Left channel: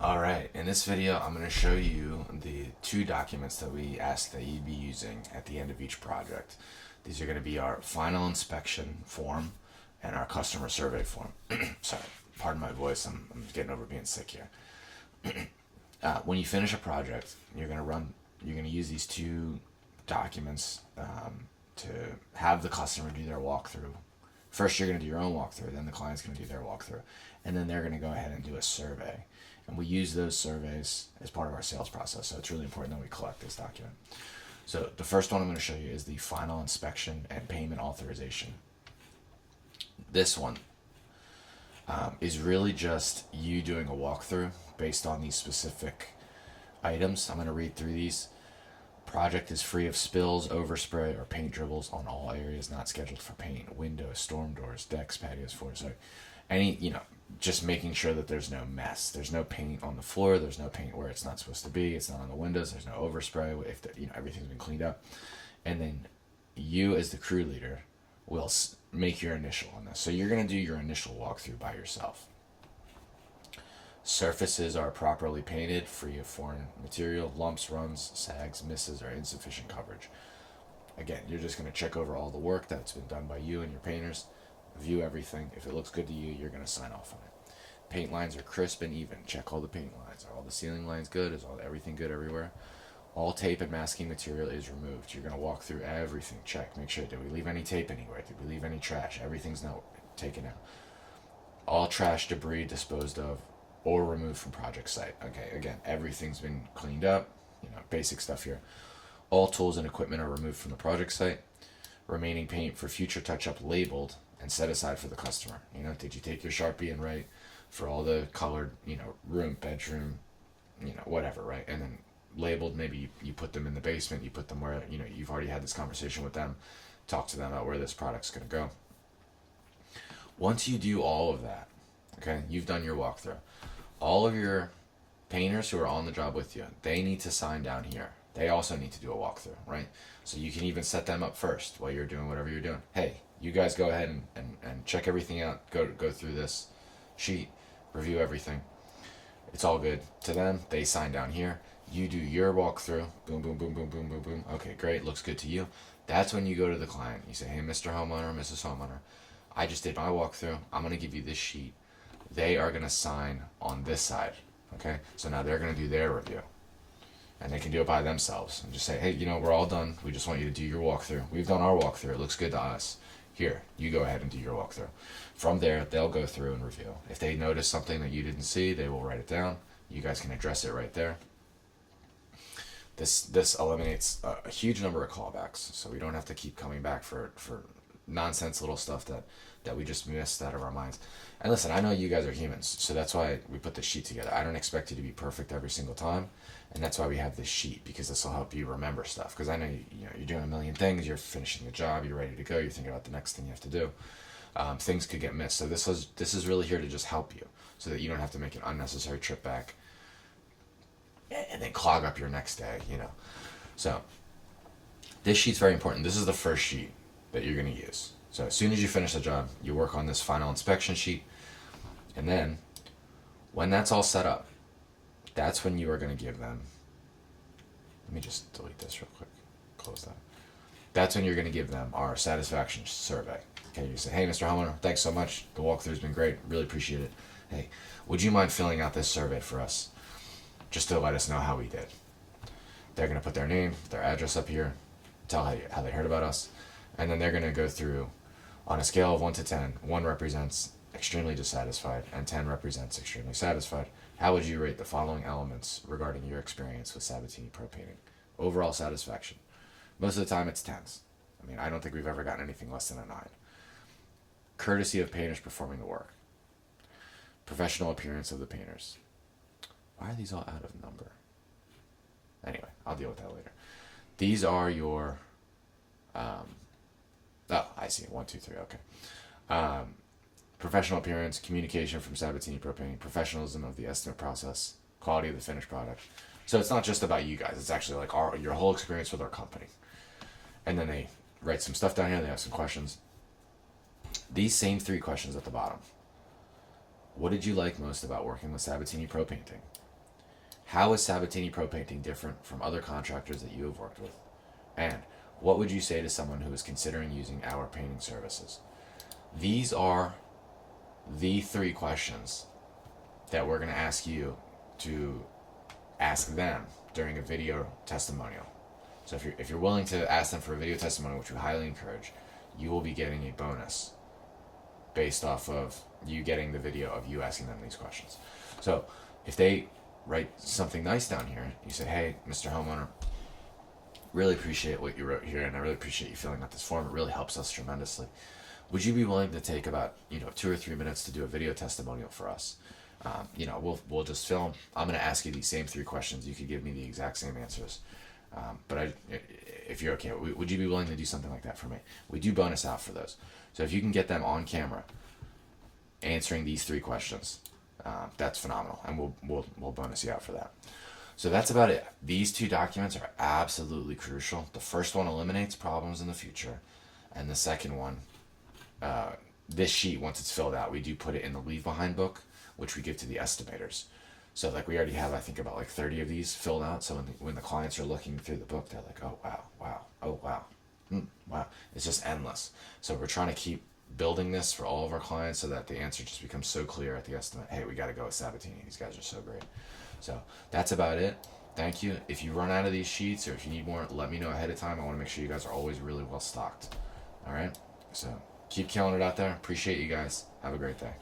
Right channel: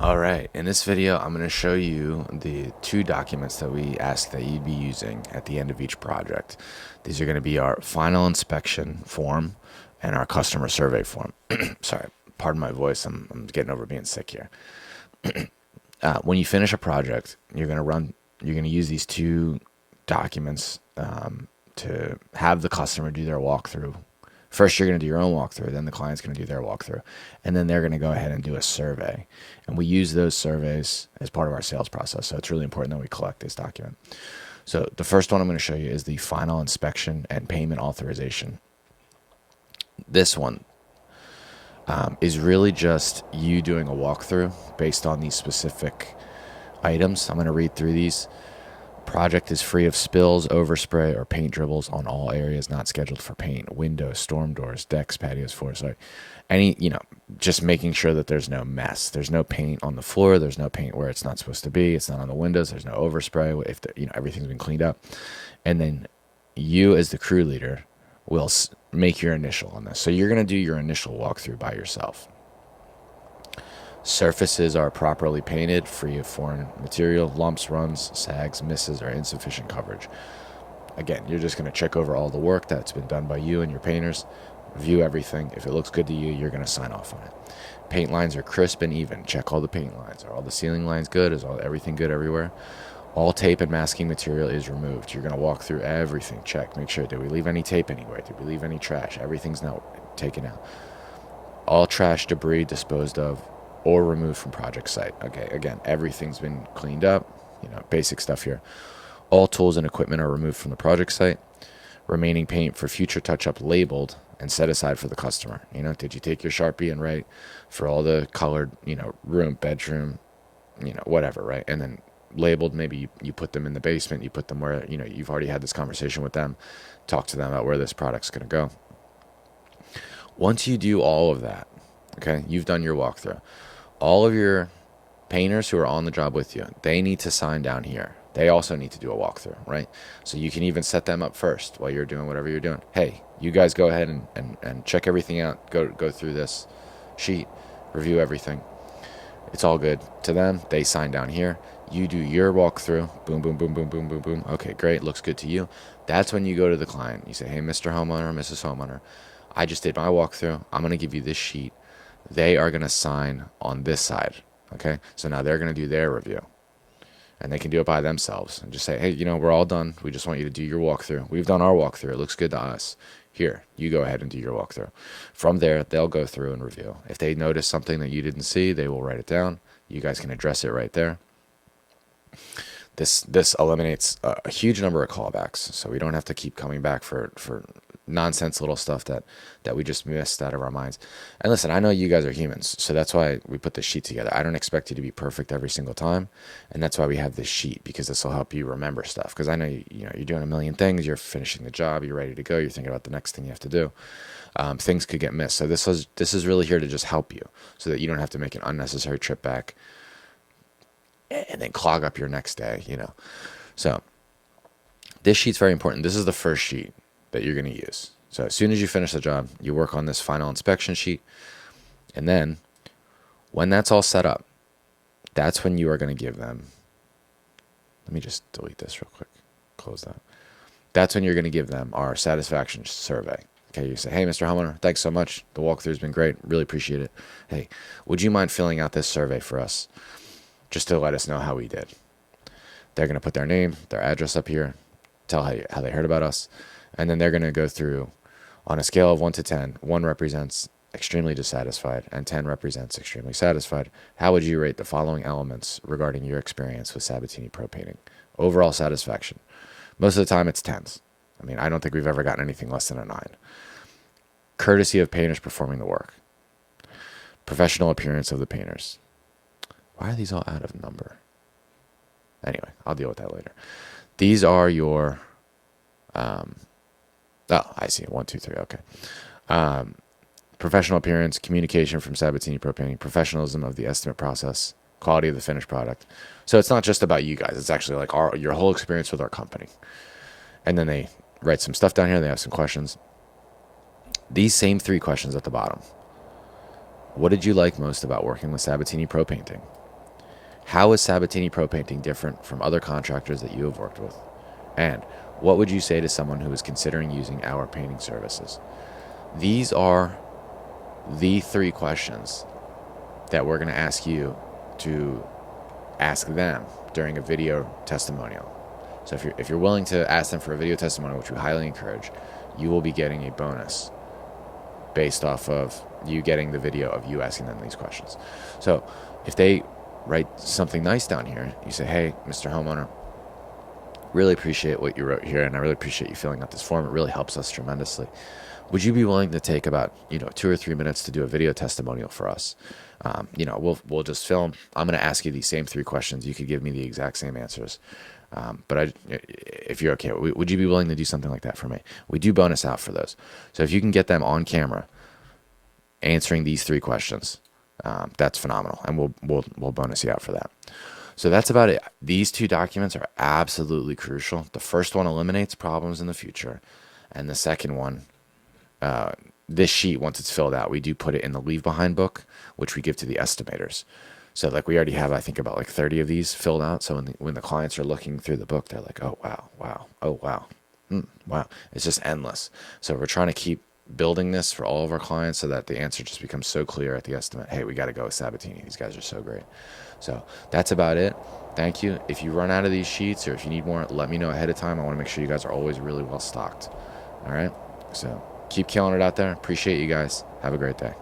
All right, in this video, I'm going to show you the two documents that we ask that you'd be using at the end of each project. These are going to be our final inspection form and our customer survey form. Sorry, pardon my voice. I'm getting over being sick here. When you finish a project, you're going to use these two documents to have the customer do their walkthrough. First, you're going to do your own walkthrough, then the client's going to do their walkthrough, and then they're going to go ahead and do a survey. And we use those surveys as part of our sales process, so it's really important that we collect this document. So the first one I'm going to show you is the final inspection and payment authorization. This one is really just you doing a walkthrough based on these specific items. I'm going to read through these. Project is free of spills, overspray, or paint dribbles on all areas not scheduled for paint. Windows, storm doors, decks, patios, floors. Sorry. Just making sure that there's no mess. There's no paint on the floor. There's no paint where it's not supposed to be. It's not on the windows. There's no overspray if everything's been cleaned up. And then you, as the crew leader, will make your initial on this. So you're going to do your initial walkthrough by yourself. Surfaces are properly painted, free of foreign material, lumps, runs, sags, misses, or insufficient coverage. Again, you're just going to check over all the work that's been done by you and your painters, review everything. If it looks good to you, you're going to sign off on it. Paint lines are crisp and even. Check all the paint lines. Are all the ceiling lines good? Is everything good everywhere? All tape and masking material is removed. You're going to walk through everything. Check. Make sure. Did we leave any tape anywhere? Did we leave any trash? Everything's now taken out. All trash debris disposed of or removed from project site. Okay, again, everything's been cleaned up, basic stuff here. All tools and equipment are removed from the project site. Remaining paint for future touch-up labeled and set aside for the customer. Did you take your Sharpie and write for all the colored, room, bedroom, whatever, right? And then labeled, maybe you put them in the basement, you put them where, you've already had this conversation with them, talk to them about where this product's going to go. Once you do all of that, okay, you've done your walkthrough. All of your painters who are on the job with you, they need to sign down here. They also need to do a walkthrough, right? So you can even set them up first while you're doing whatever you're doing. Hey, you guys go ahead and check everything out. Go through this sheet, review everything. It's all good. To them, they sign down here. You do your walkthrough. Boom, boom, boom, boom, boom, boom, boom. Okay, great. Looks good to you. That's when you go to the client. You say, hey, Mr. Homeowner, Mrs. Homeowner, I just did my walkthrough. I'm going to give you this sheet. They are going to sign on this side. Okay, so now they're going to do their review, and they can do it by themselves and just say, hey, we're all done. We just want you to do your walkthrough. We've done our walkthrough. It looks good to us. Here, you go ahead and do your walkthrough. From there, they'll go through and review. If they notice something that you didn't see, they will write it down. You guys can address it right there. This eliminates a huge number of callbacks, so we don't have to keep coming back for nonsense little stuff that we just missed out of our minds. And listen, I know you guys are humans, so that's why we put this sheet together. I don't expect you to be perfect every single time, and that's why we have this sheet, because this will help you remember stuff. Because I know you're doing a million things, you're finishing the job, you're ready to go, you're thinking about the next thing you have to do. Things could get missed, so this is really here to just help you, so that you don't have to make an unnecessary trip back and then clog up your next day. So this sheet's very important. This is the first sheet that you're going to use. So as soon as you finish the job, you work on this final inspection sheet. And then when that's all set up, that's when you are going to give them, let me just delete this real quick, close that. That's when you're going to give them our satisfaction survey. Okay, you say, hey, Mr. Homeowner, thanks so much. The walkthrough's been great. Really appreciate it. Hey, would you mind filling out this survey for us, just to let us know how we did? They're going to put their name, their address up here, tell how they heard about us. And then they're going to go through on a scale of 1 to 10. 1 represents extremely dissatisfied and 10 represents extremely satisfied. How would you rate the following elements regarding your experience with Sabatini Pro Painting? Overall satisfaction. Most of the time it's 10s. I don't think we've ever gotten anything less than a 9. Courtesy of painters performing the work. Professional appearance of the painters. Why are these all out of number? Anyway, I'll deal with that later. These are your... Oh, I see. 1, 2, 3. Okay. Professional appearance, communication from Sabatini Pro Painting, professionalism of the estimate process, quality of the finished product. So it's not just about you guys. It's actually like your whole experience with our company. And then they write some stuff down here. They have some questions. These same 3 questions at the bottom. What did you like most about working with Sabatini Pro Painting? How is Sabatini Pro Painting different from other contractors that you have worked with? And what would you say to someone who is considering using our painting services? These are the 3 questions that we're going to ask you to ask them during a video testimonial. So if you're willing to ask them for a video testimonial, which we highly encourage, you will be getting a bonus based off of you getting the video of you asking them these questions. So if they write something nice down here, you say, hey, Mr. Homeowner, really appreciate what you wrote here, and I really appreciate you filling out this form. It really helps us tremendously. Would you be willing to take about 2 or 3 minutes to do a video testimonial for us? We'll just film. I'm going to ask you these same 3 questions. You could give me the exact same answers. But if you're okay, would you be willing to do something like that for me? We do bonus out for those. So if you can get them on camera answering these 3 questions, that's phenomenal, and we'll bonus you out for that. So that's about it. These 2 documents are absolutely crucial. The first one eliminates problems in the future, and the second one, this sheet, once it's filled out, we do put it in the leave behind book, which we give to the estimators. So like we already have, I think, about like 30 of these filled out. So when the clients are looking through the book, they're like, oh, wow, wow, oh, wow, wow. It's just endless. So we're trying to keep building this for all of our clients so that the answer just becomes so clear at the estimate. Hey, we got to go with Sabatini. These guys are so great. So that's about it. Thank you. If you run out of these sheets or if you need more, let me know ahead of time. I want to make sure you guys are always really well stocked. All right. So keep killing it out there. Appreciate you guys. Have a great day.